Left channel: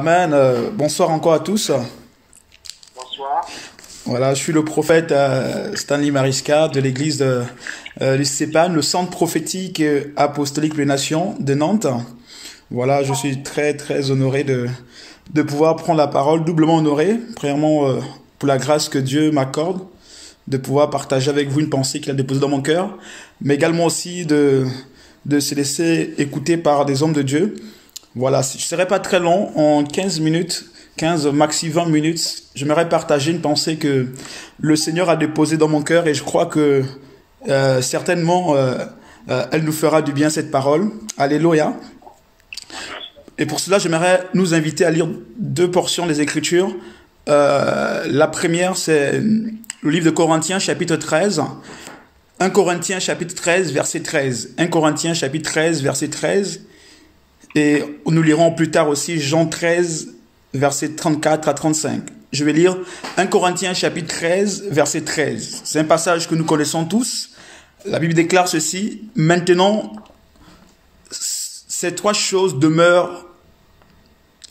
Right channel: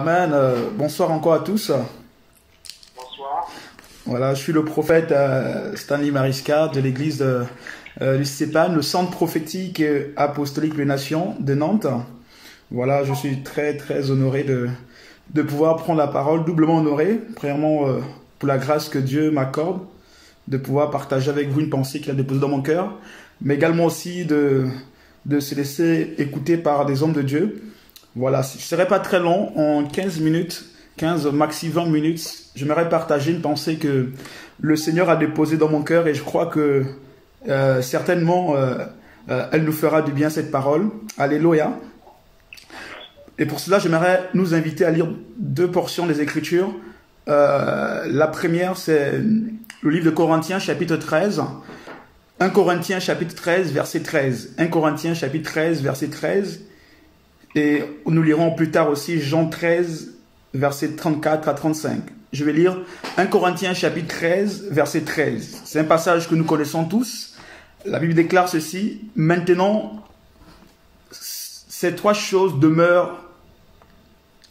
Amen. Bonsoir encore à tous. Bonsoir. Voilà, je suis le prophète Stanley Mariska de l'église du CEPAN, le centre prophétique apostolique des nations de Nantes. Voilà, je suis très honoré de pouvoir prendre la parole, doublement honoré, premièrement pour la grâce que Dieu m'accorde, de pouvoir partager avec vous une pensée qu'il a déposée dans mon cœur, mais également aussi de se laisser écouter par des hommes de Dieu. Voilà, je ne serai pas très long, en 15 minutes, 15 maxi 20 minutes, j'aimerais partager une pensée que le Seigneur a déposée dans mon cœur et je crois que certainement elle nous fera du bien cette parole. Alléluia. Et pour cela, j'aimerais nous inviter à lire deux portions des Écritures. La première, c'est le livre de Corinthiens, chapitre 13. 1 Corinthiens, chapitre 13, verset 13. 1 Corinthiens, chapitre 13, verset 13. Et nous lirons plus tard aussi Jean 13, versets 34 à 35. Je vais lire 1 Corinthiens chapitre 13, verset 13. C'est un passage que nous connaissons tous. La Bible déclare ceci. Maintenant, ces trois choses demeurent:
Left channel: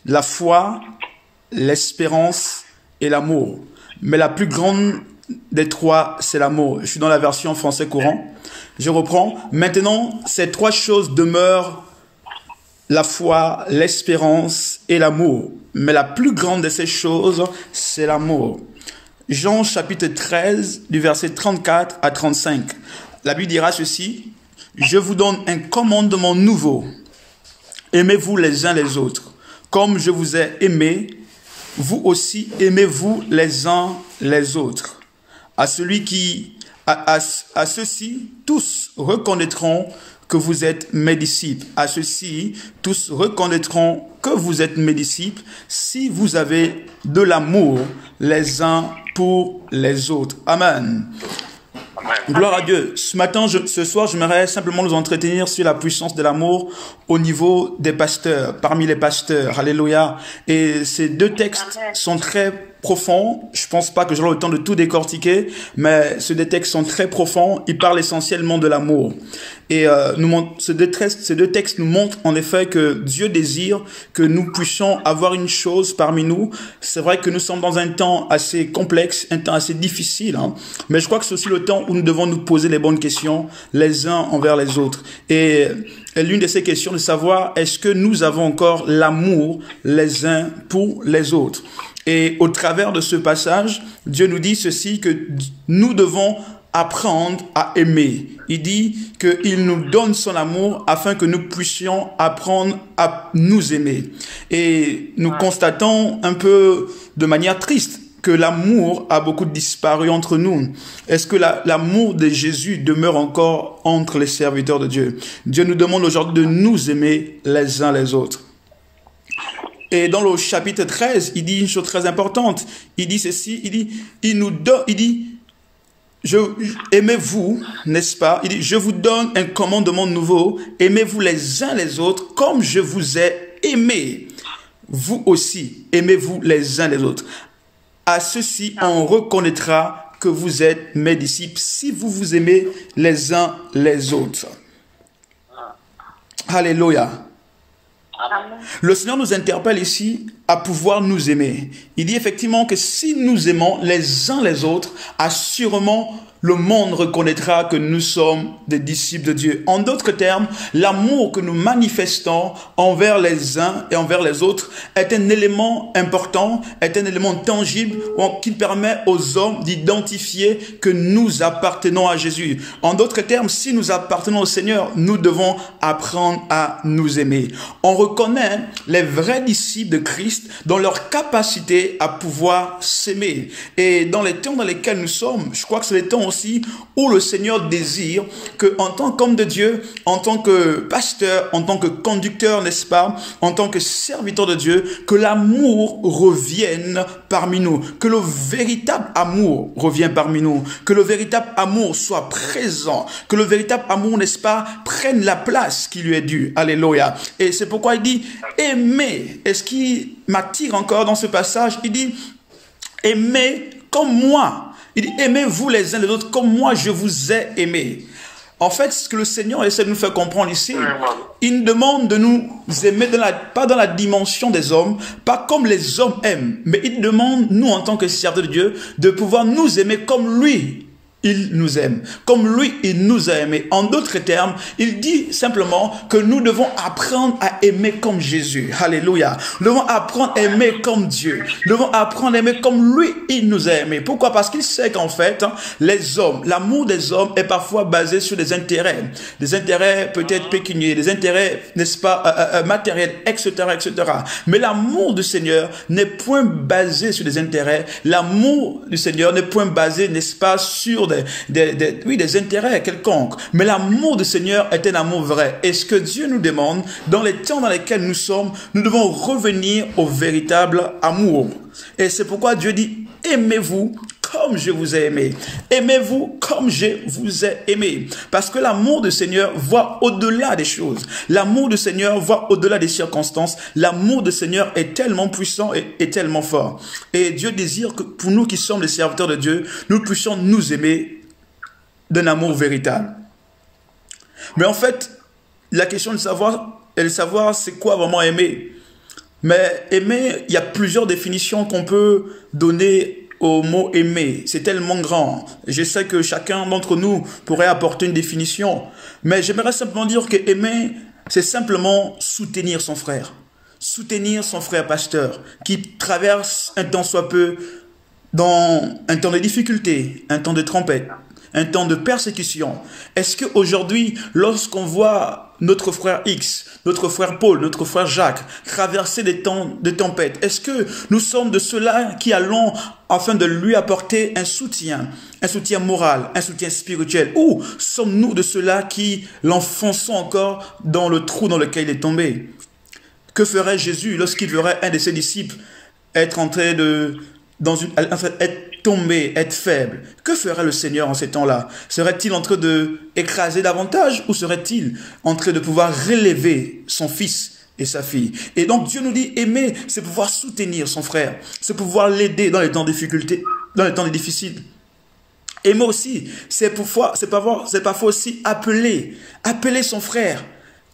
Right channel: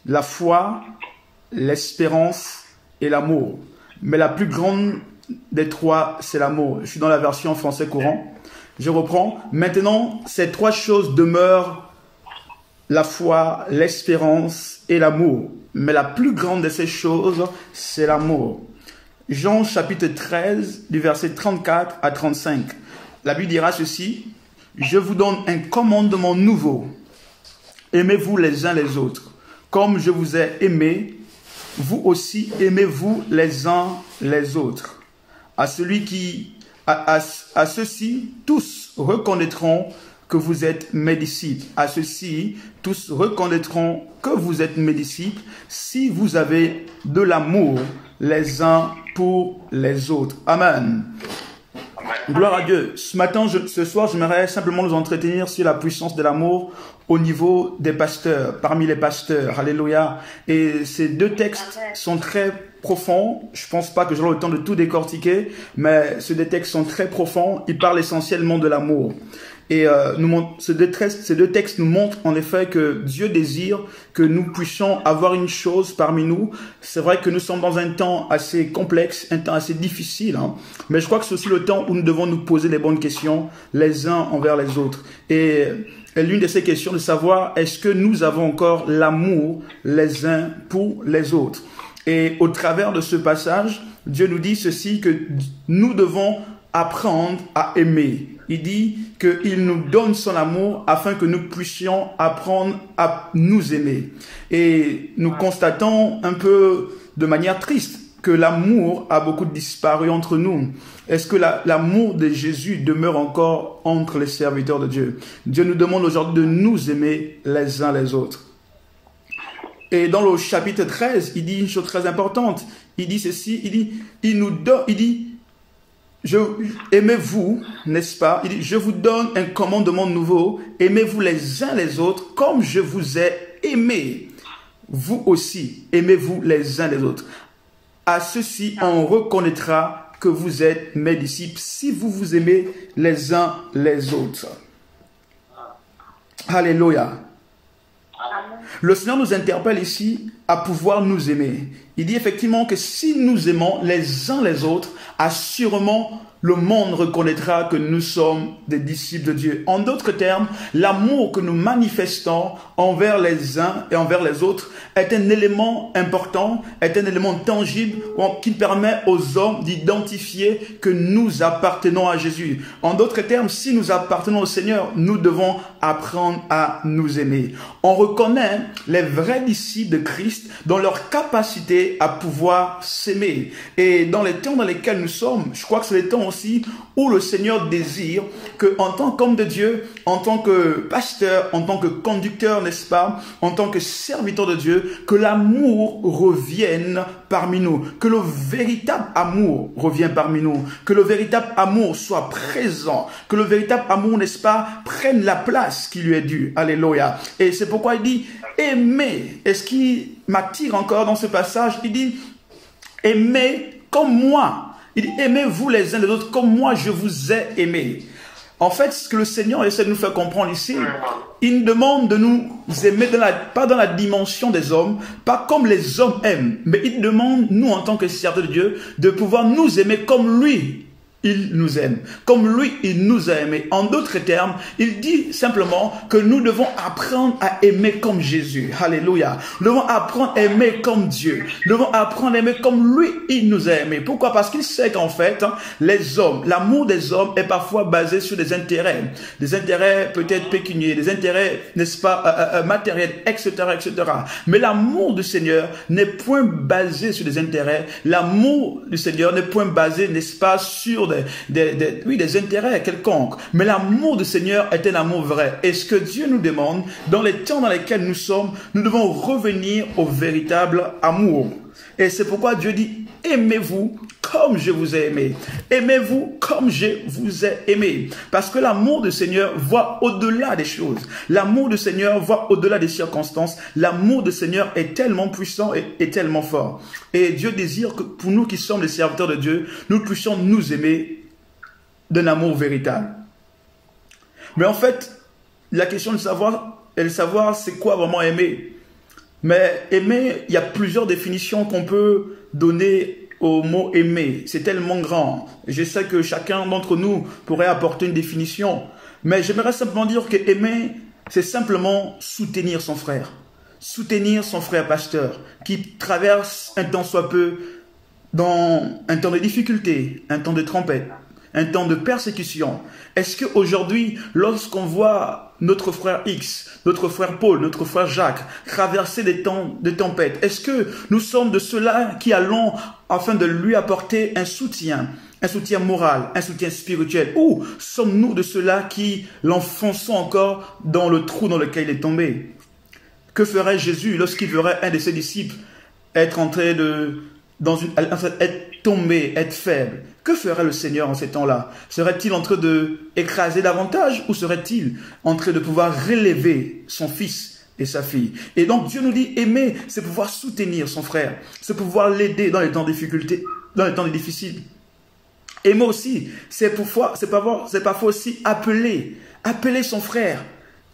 la foi, l'espérance et l'amour. Mais la plus grande des trois, c'est l'amour. Je suis dans la version français courant. Je reprends. Maintenant, ces trois choses demeurent: la foi, l'espérance et l'amour. Mais la plus grande de ces choses, c'est l'amour. Jean chapitre 13, du verset 34 à 35. La Bible dira ceci. Je vous donne un commandement nouveau. Aimez-vous les uns les autres. Comme je vous ai aimé, vous aussi aimez-vous les uns les autres. À ceux-ci, tous reconnaîtront que vous êtes mes disciples. À ceux-ci, tous reconnaîtront que vous êtes mes disciples si vous avez de l'amour les uns pour les autres. Amen. Gloire à Dieu. Ce soir, j'aimerais simplement nous entretenir sur la puissance de l'amour au niveau des pasteurs, parmi les pasteurs. Alléluia. Et ces deux textes sont très profonds. Je pense pas que j'aurai le temps de tout décortiquer, mais ces deux textes sont très profonds. Ils parlent essentiellement de l'amour. Et ces deux textes nous montrent en effet que Dieu désire que nous puissions avoir une chose parmi nous. C'est vrai que nous sommes dans un temps assez complexe, un temps assez difficile, hein, mais je crois que c'est aussi le temps où nous devons nous poser les bonnes questions les uns envers les autres. Et l'une de ces questions de savoir, est-ce que nous avons encore l'amour les uns pour les autres? Et au travers de ce passage, Dieu nous dit ceci, que nous devons apprendre à aimer. Il dit qu'il nous donne son amour afin que nous puissions apprendre à nous aimer. Et nous constatons un peu de manière triste que l'amour a beaucoup disparu entre nous. Est-ce que l'amour de Jésus demeure encore entre les serviteurs de Dieu? Dieu nous demande aujourd'hui de nous aimer les uns les autres. Et dans le chapitre 13, il dit une chose très importante. Il dit ceci, aimez-vous, n'est-ce pas? Il dit, je vous donne un commandement nouveau. Aimez-vous les uns les autres comme je vous ai aimé. Vous aussi, aimez-vous les uns les autres. À ceci, on reconnaîtra que vous êtes mes disciples si vous vous aimez les uns les autres. Alléluia. Le Seigneur nous interpelle ici à pouvoir nous aimer. Il dit effectivement que si nous aimons les uns les autres, assurément le monde reconnaîtra que nous sommes des disciples de Dieu. En d'autres termes, l'amour que nous manifestons envers les uns et envers les autres est un élément important, est un élément tangible qui permet aux hommes d'identifier que nous appartenons à Jésus. En d'autres termes, si nous appartenons au Seigneur, nous devons apprendre à nous aimer. On reconnaît les vrais disciples de Christ dans leur capacité à pouvoir s'aimer. Et dans les temps dans lesquels nous sommes, je crois que c'est les temps aussi où le Seigneur désire que, en tant qu'homme de Dieu, en tant que pasteur, en tant que conducteur, n'est-ce pas, en tant que serviteur de Dieu, que l'amour revienne parmi nous, que le véritable amour revienne parmi nous, que le véritable amour soit présent, que le véritable amour, n'est-ce pas, prenne la place qui lui est due. Alléluia. Et c'est pourquoi il dit aimer. Et ce qui m'attire encore dans ce passage, il dit aimez comme moi. Il dit, aimez-vous les uns les autres comme moi je vous ai aimé. En fait, ce que le Seigneur essaie de nous faire comprendre ici, il nous demande de nous aimer pas dans la dimension des hommes, pas comme les hommes aiment, mais il demande, nous en tant que serviteurs de Dieu, de pouvoir nous aimer comme lui. Il nous aime. Comme lui, il nous a aimés. En d'autres termes, il dit simplement que nous devons apprendre à aimer comme Jésus. Alléluia. Nous devons apprendre à aimer comme Dieu. Nous devons apprendre à aimer comme lui, il nous a aimés. Pourquoi? Parce qu'il sait qu'en fait, les hommes, l'amour des hommes est parfois basé sur des intérêts peut-être pécuniaires, des intérêts, n'est-ce pas, matériels, etc., etc. Mais l'amour du Seigneur n'est point basé sur des intérêts. L'amour du Seigneur n'est point basé, n'est-ce pas, sur des intérêts quelconques. Mais l'amour du Seigneur est un amour vrai. Et ce que Dieu nous demande, dans les temps dans lesquels nous sommes, nous devons revenir au véritable amour. Et c'est pourquoi Dieu dit, aimez-vous comme je vous ai aimé. Aimez-vous comme je vous ai aimé. Parce que l'amour du Seigneur voit au-delà des choses. L'amour du Seigneur voit au-delà des circonstances. L'amour du Seigneur est tellement puissant et tellement fort. Et Dieu désire que pour nous qui sommes les serviteurs de Dieu, nous puissions nous aimer d'un amour véritable. Mais en fait, la question de savoir c'est quoi vraiment aimer. Mais aimer, il y a plusieurs définitions qu'on peut donner au mot aimer. C'est tellement grand. Je sais que chacun d'entre nous pourrait apporter une définition. Mais j'aimerais simplement dire que aimer, c'est simplement soutenir son frère. Soutenir son frère pasteur qui traverse un temps soit peu dans un temps de difficulté, un temps de tempête, un temps de persécution. Est-ce qu'aujourd'hui, lorsqu'on voit notre frère X, notre frère Paul, notre frère Jacques traverser des temps de tempête, est-ce que nous sommes de ceux-là qui allons afin de lui apporter un soutien moral, un soutien spirituel, ou sommes-nous de ceux-là qui l'enfonçons encore dans le trou dans lequel il est tombé? Que ferait Jésus lorsqu'il verrait un de ses disciples être en train de être tombé, être faible? Que ferait le Seigneur en ces temps-là? Serait-il en train d'écraser davantage ou serait-il en train de pouvoir relever son fils et sa fille? Et donc Dieu nous dit, aimer, c'est pouvoir soutenir son frère, c'est pouvoir l'aider dans les temps de difficulté, dans les temps difficiles. Aimer aussi, c'est parfois aussi appeler son frère.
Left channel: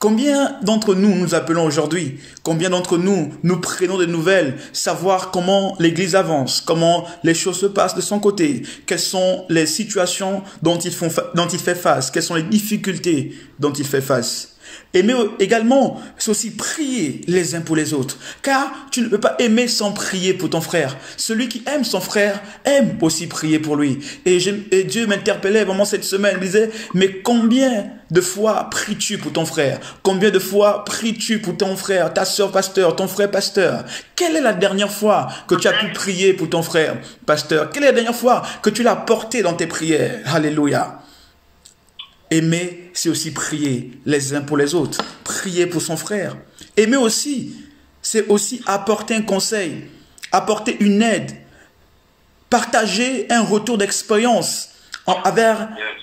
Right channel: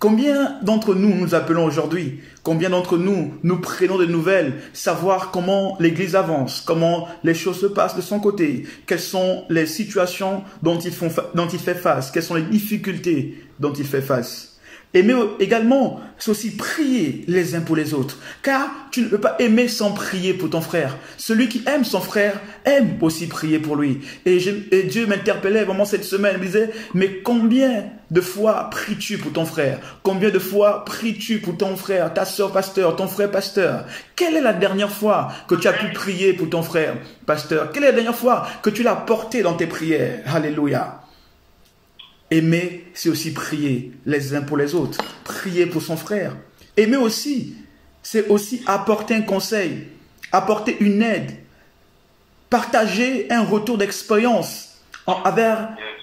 Combien d'entre nous nous appelons aujourd'hui? Combien d'entre nous nous prenons des nouvelles, savoir comment l'Église avance, comment les choses se passent de son côté, quelles sont les situations dont il fait face, quelles sont les difficultés dont il fait face. Aimer également, c'est aussi prier les uns pour les autres. Car tu ne peux pas aimer sans prier pour ton frère. Celui qui aime son frère aime aussi prier pour lui. Et Dieu m'interpellait vraiment cette semaine. Il me disait, mais combien de fois pries-tu pour ton frère? Combien de fois pries-tu pour ton frère, ta soeur pasteur, ton frère pasteur? Quelle est la dernière fois que tu as pu prier pour ton frère pasteur? Quelle est la dernière fois que tu l'as porté dans tes prières? Alléluia. Aimer, c'est aussi prier les uns pour les autres, prier pour son frère. Aimer aussi, c'est aussi apporter un conseil, apporter une aide, partager un retour d'expérience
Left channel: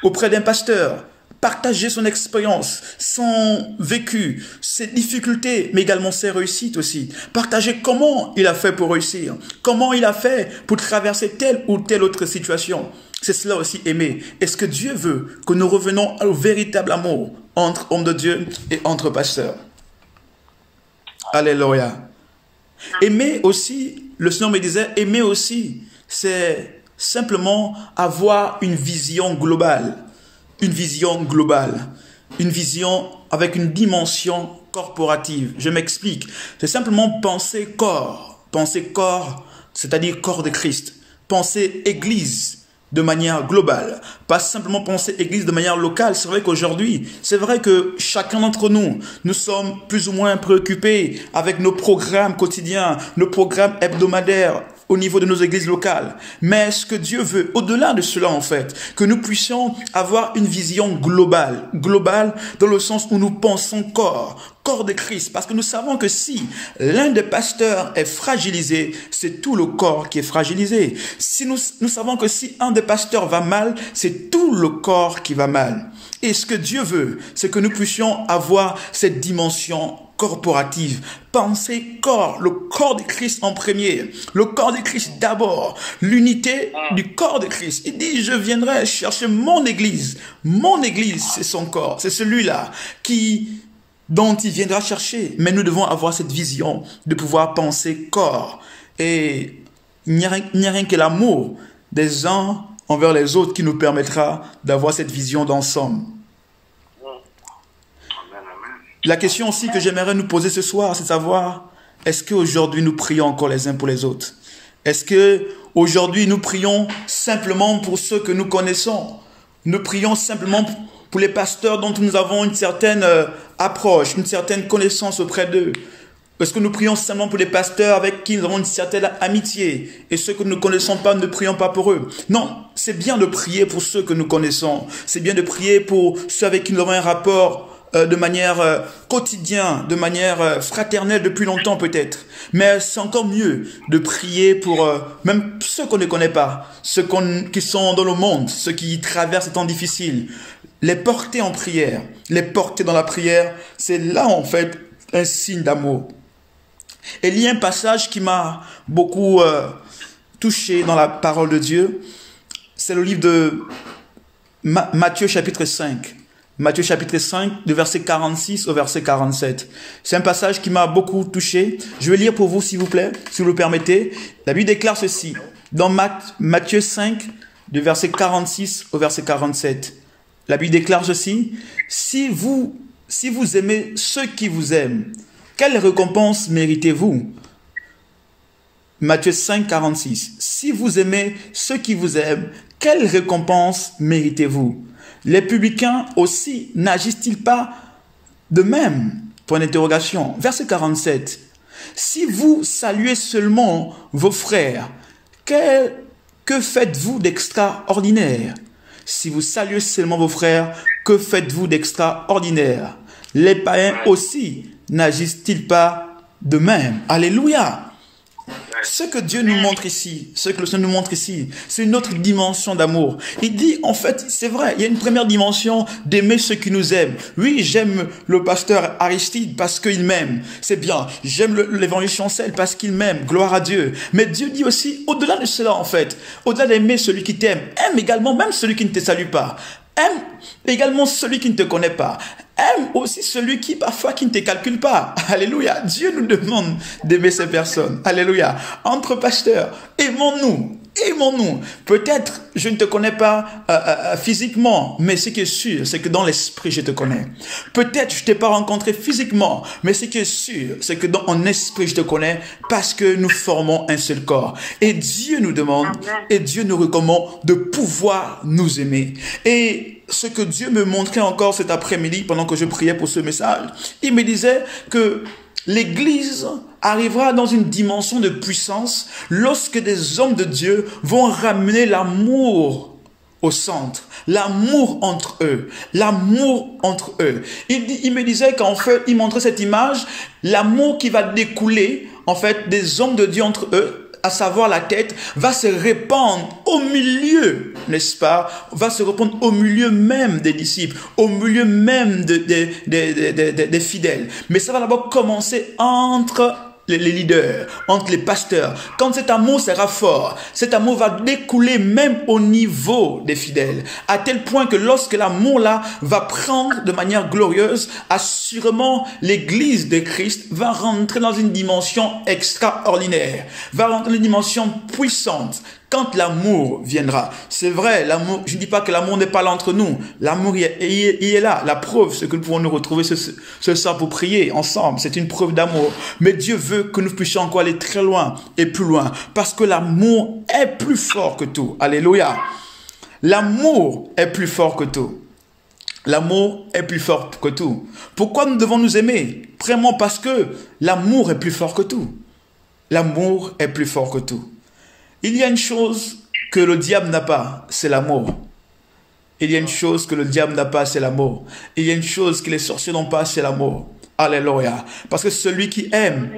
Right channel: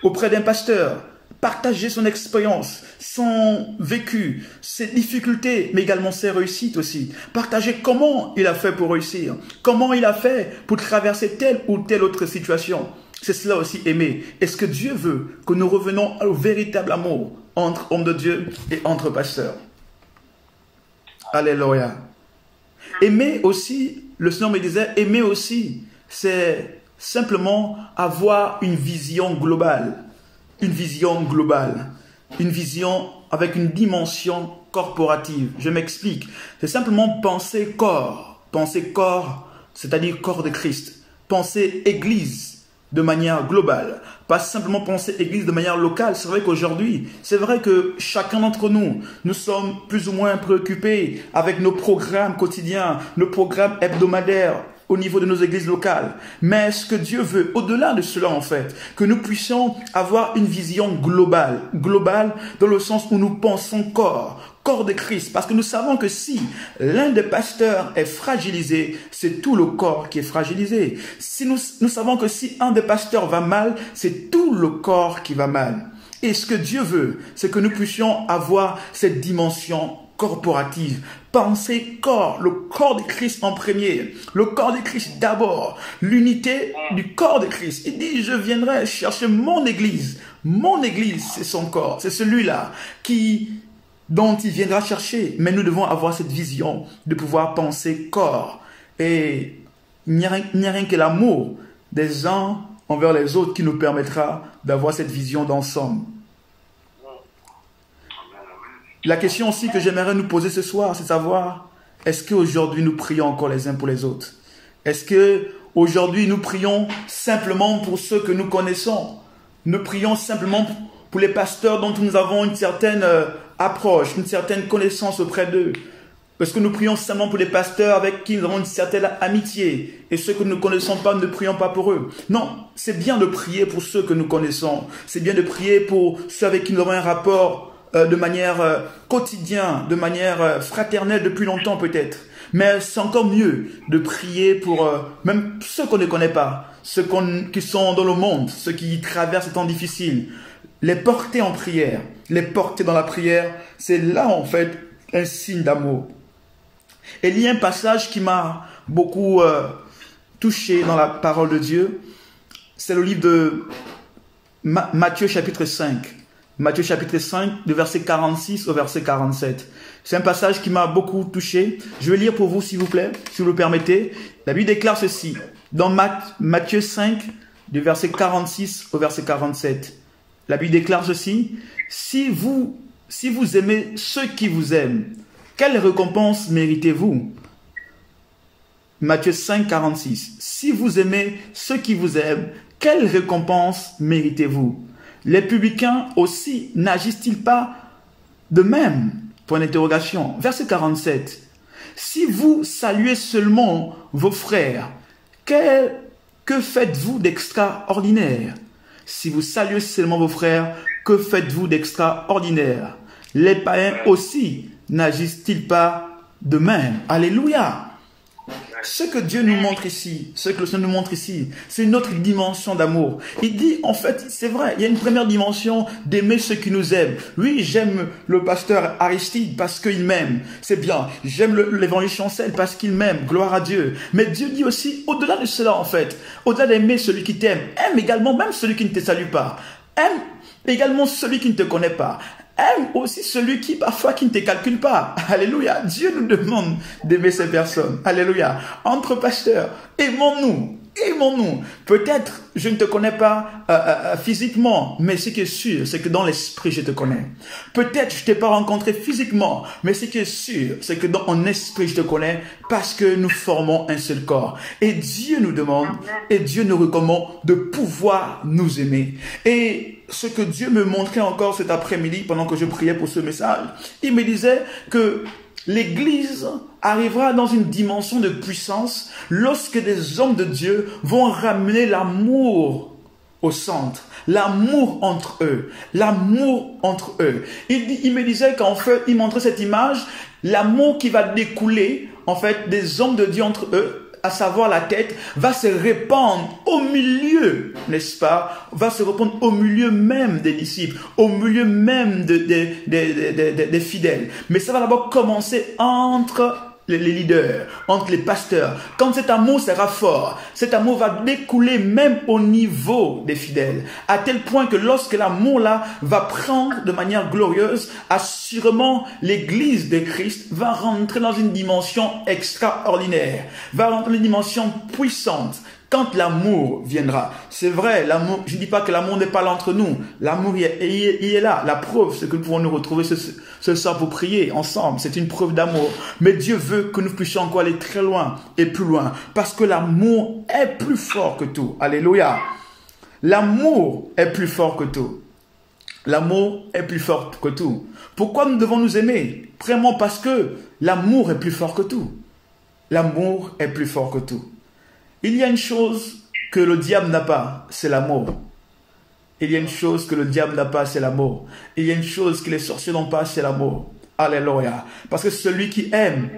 auprès d'un pasteur, partager son expérience, son vécu, ses difficultés, mais également ses réussites aussi. Partager comment il a fait pour réussir, comment il a fait pour traverser telle ou telle autre situation. C'est cela aussi aimer. Est-ce que Dieu veut que nous revenons au véritable amour entre hommes de Dieu et entre pasteurs? Alléluia. Aimer aussi, le Seigneur me disait, aimer aussi, c'est simplement avoir une vision globale. Une vision globale. Une vision avec une dimension corporative. Je m'explique. C'est simplement penser corps. Penser corps, c'est-à-dire corps de Christ. Penser Église de manière globale, pas simplement penser Église de manière locale. C'est vrai qu'aujourd'hui, c'est vrai que chacun d'entre nous, nous sommes plus ou moins préoccupés avec nos programmes quotidiens, nos programmes hebdomadaires au niveau de nos églises locales. Mais ce que Dieu veut, au-delà de cela en fait, que nous puissions avoir une vision globale, globale dans le sens où nous pensons corps de Christ, parce que nous savons que si l'un des pasteurs est fragilisé, c'est tout le corps qui est fragilisé. Si nous savons que si un des pasteurs va mal, c'est tout le corps qui va mal. Et ce que Dieu veut, c'est que nous puissions avoir cette dimension corporative. Penser corps, le corps de Christ en premier, le corps de Christ d'abord, l'unité du corps de Christ. Il dit, je viendrai chercher mon église. Mon église, c'est son corps, c'est celui-là qui dont il viendra chercher. Mais nous devons avoir cette vision de pouvoir penser corps. Et il n'y a rien que l'amour des uns envers les autres qui nous permettra d'avoir cette vision d'ensemble. La question aussi que j'aimerais nous poser ce soir, c'est de savoir, est-ce qu'aujourd'hui nous prions encore les uns pour les autres? Est-ce qu'aujourd'hui nous prions simplement pour ceux que nous connaissons? Nous prions simplement pour les pasteurs dont nous avons une certaine approche, une certaine connaissance auprès d'eux? Est-ce que nous prions simplement pour les pasteurs avec qui nous avons une certaine amitié et ceux que nous ne connaissons pas, ne prions pas pour eux? Non, c'est bien de prier pour ceux que nous connaissons. C'est bien de prier pour ceux avec qui nous avons un rapport de manière quotidienne, de manière fraternelle depuis longtemps peut-être. Mais c'est encore mieux de prier pour même ceux qu'on ne connaît pas, ceux qui sont dans le monde, ceux qui traversent ces temps difficiles. Les porter en prière, les porter dans la prière, c'est là en fait un signe d'amour. Et il y a un passage qui m'a beaucoup touché dans la parole de Dieu. C'est le livre de Matthieu chapitre 5. Matthieu chapitre 5, de verset 46 au verset 47. C'est un passage qui m'a beaucoup touché. Je vais lire pour vous, s'il vous plaît, si vous le permettez. La Bible déclare ceci. Dans Matthieu 5, de verset 46 au verset 47. La Bible déclare ceci. Si vous aimez ceux qui vous aiment, quelle récompense méritez-vous? Matthieu 5, 46. Si vous aimez ceux qui vous aiment, quelle récompense méritez-vous? Les publicains aussi n'agissent-ils pas de même? Point d'interrogation. Verset 47. Si vous saluez seulement vos frères, que faites-vous d'extraordinaire? Si vous saluez seulement vos frères, que faites-vous d'extraordinaire? Les païens aussi n'agissent-ils pas de même? Alléluia! Ce que Dieu nous montre ici, ce que le Seigneur nous montre ici, c'est une autre dimension d'amour. Il dit, en fait, c'est vrai, il y a une première dimension d'aimer ceux qui nous aiment. Oui, j'aime le pasteur Aristide parce qu'il m'aime. C'est bien. J'aime l'évangile Chancel parce qu'il m'aime. Gloire à Dieu. Mais Dieu dit aussi, au-delà de cela, en fait, au-delà d'aimer celui qui t'aime, aime également même celui qui ne te salue pas. Aime également celui qui ne te connaît pas. Aime aussi celui qui parfois qui ne te calcule pas. Alléluia. Dieu nous demande d'aimer ces personnes. Alléluia. Entre pasteurs, aimons-nous. Aimons-nous. Peut-être je ne te connais pas physiquement, mais ce qui est sûr, c'est que dans l'esprit, je te connais. Peut-être je ne t'ai pas rencontré physiquement, mais ce qui est sûr, c'est que dans mon esprit, je te connais parce que nous formons un seul corps. Et Dieu nous demande, et Dieu nous recommande de pouvoir nous aimer. Et ce que Dieu me montrait encore cet après-midi, pendant que je priais pour ce message, il me disait que l'Église arrivera dans une dimension de puissance lorsque des hommes de Dieu vont ramener l'amour au centre, l'amour entre eux, l'amour entre eux. Il me disait qu'en fait, il montrait cette image, l'amour qui va découler en fait des hommes de Dieu entre eux, à savoir la tête, va se répandre au milieu, n'est-ce pas? Va se répandre au milieu même des disciples, au milieu même des fidèles. Mais ça va d'abord commencer entre les leaders, entre les pasteurs. Quand cet amour sera fort, cet amour va découler même au niveau des fidèles. À tel point que lorsque l'amour-là va prendre de manière glorieuse, assurément l'église de Christ va rentrer dans une dimension extraordinaire, va rentrer dans une dimension puissante. Quand l'amour viendra, c'est vrai, l'amour, je ne dis pas que l'amour n'est pas là entre nous, l'amour il est là, la preuve c'est que nous pouvons nous retrouver ce soir pour prier ensemble, c'est une preuve d'amour, mais Dieu veut que nous puissions encore aller très loin et plus loin, parce que l'amour est plus fort que tout, alléluia, l'amour est plus fort que tout. L'amour est plus fort que tout. Pourquoi nous devons nous aimer? Vraiment parce que l'amour est plus fort que tout. L'amour est plus fort que tout. Il y a une chose que le diable n'a pas, c'est l'amour. Il y a une chose que le diable n'a pas, c'est l'amour. Il y a une chose que les sorciers n'ont pas, c'est l'amour. Alléluia. Parce que celui qui aime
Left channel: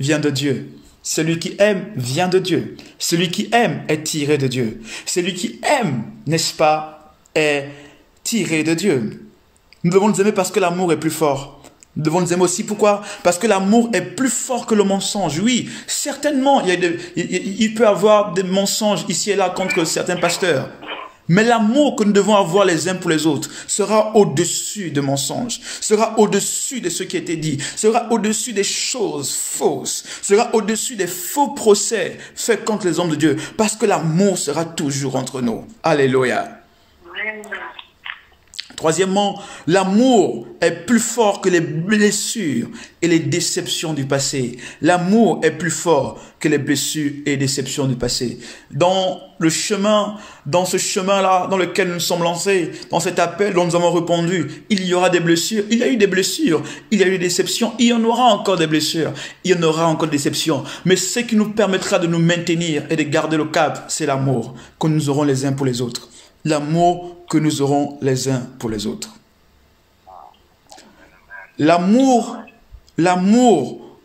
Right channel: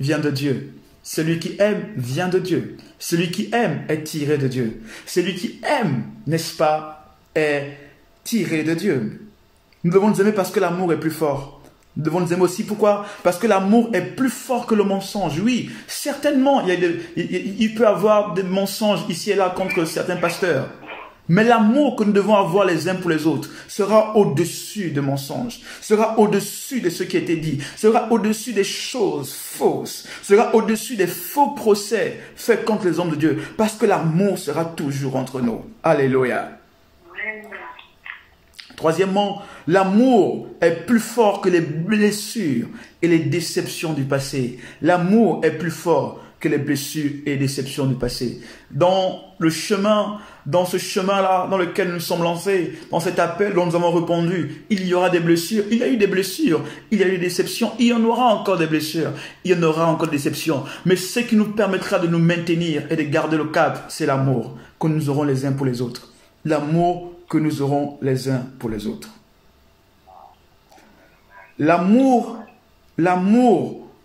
vient de Dieu. Celui qui aime vient de Dieu. Celui qui aime est tiré de Dieu. Celui qui aime, n'est-ce pas, est tiré de Dieu. Nous devons nous aimer parce que l'amour est plus fort. Nous devons nous aimer aussi. Pourquoi? Parce que l'amour est plus fort que le mensonge. Oui, certainement, il peut y avoir des mensonges ici et là contre certains pasteurs. Mais l'amour que nous devons avoir les uns pour les autres sera au-dessus des mensonges, sera au-dessus de ce qui a été dit, sera au-dessus des choses fausses, sera au-dessus des faux procès faits contre les hommes de Dieu, parce que l'amour sera toujours entre nous. Alléluia. Troisièmement, l'amour est plus fort que les blessures et les déceptions du passé. L'amour est plus fort que les blessures et les déceptions du passé. Dans ce chemin-là, dans lequel nous sommes lancés, dans cet appel dont nous avons répondu, il y aura des blessures. Il y a eu des blessures, il y a eu des déceptions, il y en aura encore des blessures, il y en aura encore des déceptions. Mais ce qui nous permettra de nous maintenir et de garder le cap, c'est l'amour que nous aurons les uns pour les autres. L'amour que nous aurons les uns pour les autres. L'amour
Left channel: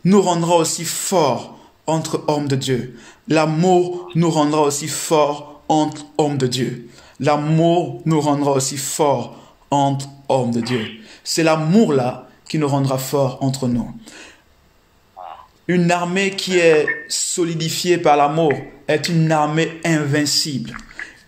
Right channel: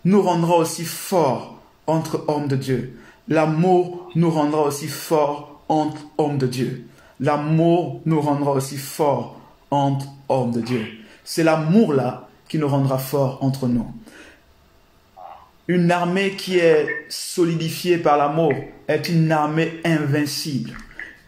nous rendra aussi forts entre hommes de Dieu. L'amour nous rendra aussi forts entre hommes de Dieu. L'amour nous rendra aussi forts entre hommes de Dieu. C'est l'amour-là qui nous rendra forts entre nous. Une armée qui est solidifiée par l'amour est une armée invincible.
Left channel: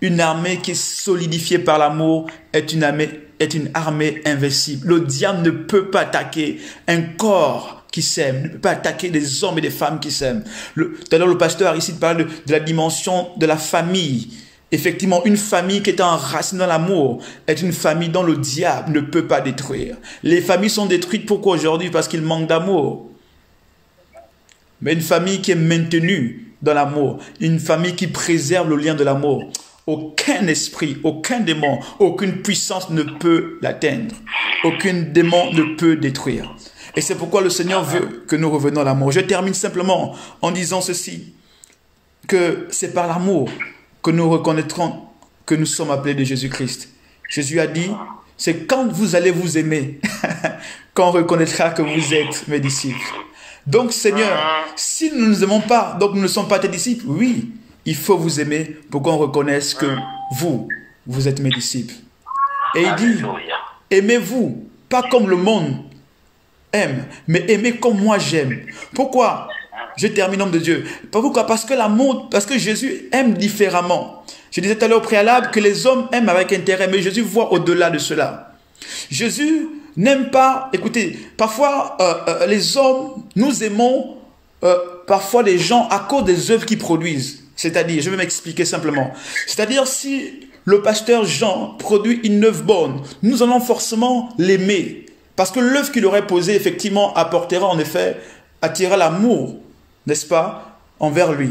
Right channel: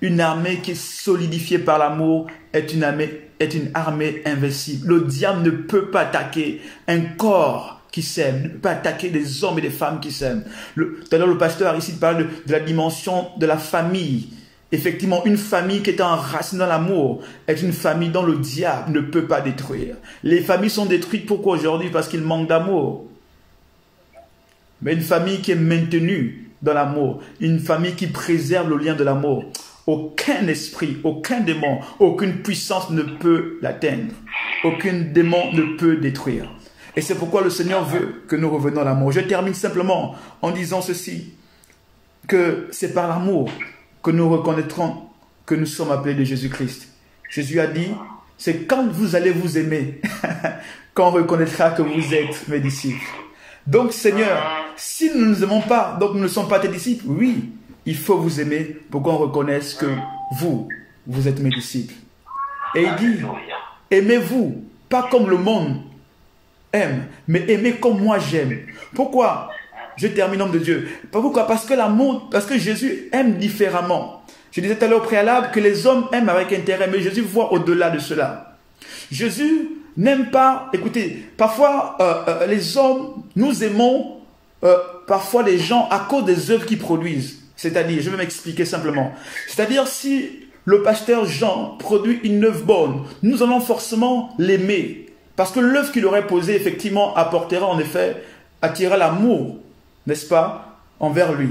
Une armée qui est solidifiée par l'amour est une armée invincible. Le diable ne peut pas attaquer un corps qui s'aime, ne peut pas attaquer des hommes et des femmes qui s'aiment. Tout à l'heure, le pasteur ici parle de la dimension de la famille. Effectivement, une famille qui est enracinée dans l'amour est une famille dont le diable ne peut pas détruire. Les familles sont détruites pourquoi aujourd'hui? Parce qu'il manque d'amour. Mais une famille qui est maintenue dans l'amour, une famille qui préserve le lien de l'amour, aucun esprit, aucun démon, aucune puissance ne peut l'atteindre. Aucun démon ne peut détruire. Et c'est pourquoi le Seigneur veut que nous revenions à l'amour. Je termine simplement en disant ceci, que c'est par l'amour que nous reconnaîtrons que nous sommes appelés de Jésus-Christ. Jésus a dit, c'est quand vous allez vous aimer qu'on reconnaîtra que vous êtes mes disciples. Donc Seigneur, si nous ne nous aimons pas, donc nous ne sommes pas tes disciples, oui, il faut vous aimer pour qu'on reconnaisse que vous êtes mes disciples. Et il dit, aimez-vous, pas comme le monde aime, mais aimez comme moi j'aime. Pourquoi? Je termine, homme de Dieu. Pourquoi? Parce que l'amour, parce que Jésus aime différemment. Je disais tout à l'heure au préalable que les hommes aiment avec intérêt, mais Jésus voit au-delà de cela. Jésus n'aime pas, écoutez, parfois les hommes, nous aimons parfois les gens à cause des œuvres qu'ils produisent. C'est-à-dire, je vais m'expliquer simplement. C'est-à-dire, si le pasteur Jean produit une œuvre bonne, nous allons forcément l'aimer. Parce que l'œuvre qu'il aurait posée, effectivement, apportera en effet, attirera l'amour, n'est-ce pas, envers lui.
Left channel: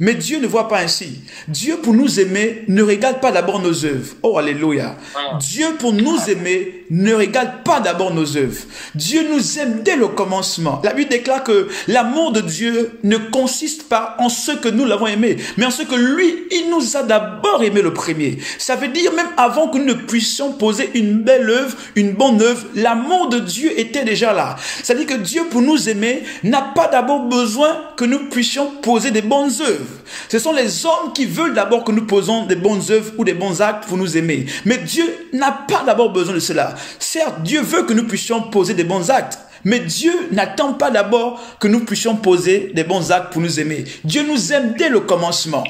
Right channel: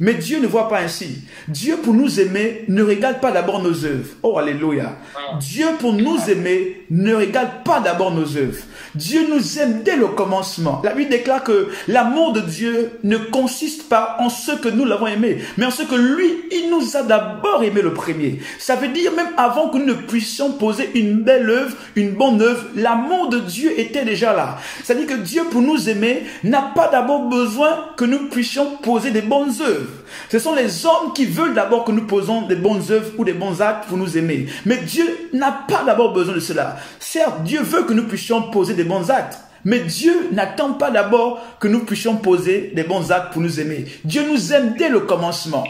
Mais Dieu ne voit pas ainsi. Dieu, pour nous aimer, ne regarde pas d'abord nos œuvres. Oh, alléluia. Dieu, pour nous aimer, ne regarde pas d'abord nos œuvres. Dieu nous aime dès le commencement. La Bible déclare que l'amour de Dieu ne consiste pas en ce que nous l'avons aimé, mais en ce que lui, il nous a d'abord aimé le premier. Ça veut dire, même avant que nous ne puissions poser une belle œuvre, une bonne œuvre, l'amour de Dieu était déjà là. Ça veut dire que Dieu, pour nous aimer, n'a pas d'abord besoin que nous puissions poser des bonnes œuvres. Ce sont les hommes qui veulent d'abord que nous posons des bonnes œuvres ou des bons actes pour nous aimer. Mais Dieu n'a pas d'abord besoin de cela. Certes, Dieu veut que nous puissions poser des bons actes. Mais Dieu n'attend pas d'abord que nous puissions poser des bons actes pour nous aimer. Dieu nous aime dès le commencement.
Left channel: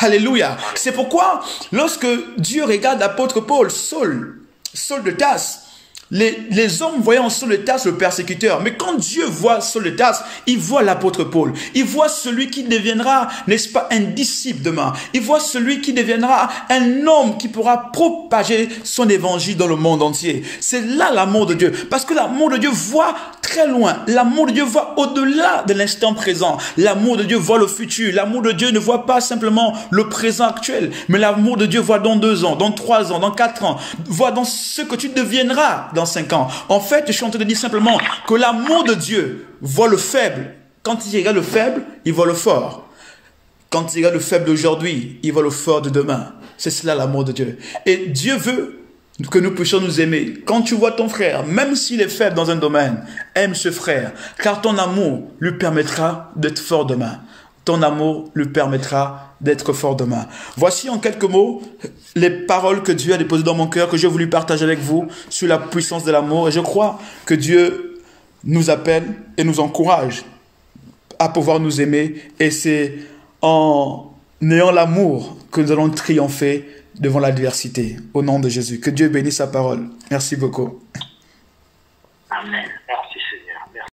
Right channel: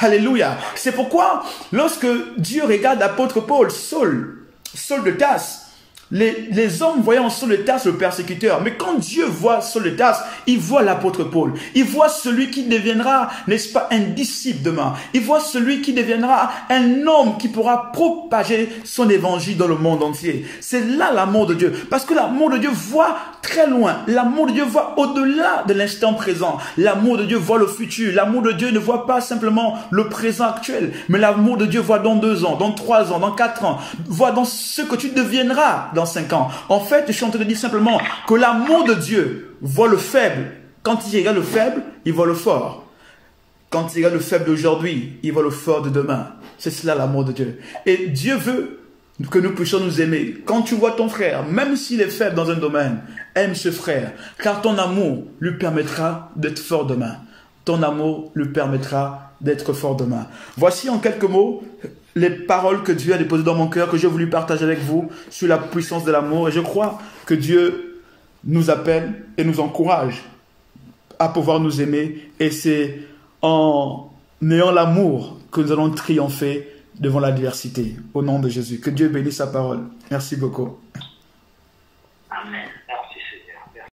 Alléluia. C'est pourquoi, lorsque Dieu regarde l'apôtre Paul, Saul de Tarse, les hommes voyaient en Saul de Tarse le persécuteur. Mais quand Dieu voit Saul de Tarse, il voit l'apôtre Paul. Il voit celui qui deviendra, n'est-ce pas, un disciple demain. Il voit celui qui deviendra un homme qui pourra propager son évangile dans le monde entier. C'est là l'amour de Dieu. Parce que l'amour de Dieu voit très loin. L'amour de Dieu voit au-delà de l'instant présent. L'amour de Dieu voit le futur. L'amour de Dieu ne voit pas simplement le présent actuel. Mais l'amour de Dieu voit dans 2 ans, dans 3 ans, dans 4 ans. Voit dans ce que tu deviendras dans 5 ans. En fait, je suis en train de dire simplement que l'amour de Dieu voit le faible. Quand il regarde le faible, il voit le fort. Quand il regarde le faible d'aujourd'hui, il voit le fort de demain. C'est cela l'amour de Dieu. Et Dieu veut que nous puissions nous aimer. Quand tu vois ton frère, même s'il est faible dans un domaine, aime ce frère, car ton amour lui permettra d'être fort demain. Ton amour lui permettra d'être fort demain. Voici en quelques mots les paroles que Dieu a déposées dans mon cœur, que j'ai voulu partager avec vous sur la puissance de l'amour. Et je crois que Dieu nous appelle et nous encourage à pouvoir nous aimer. Et c'est en ayant l'amour que nous allons triompher devant l'adversité. Au nom de Jésus. Que Dieu bénisse sa parole. Merci beaucoup. Amen.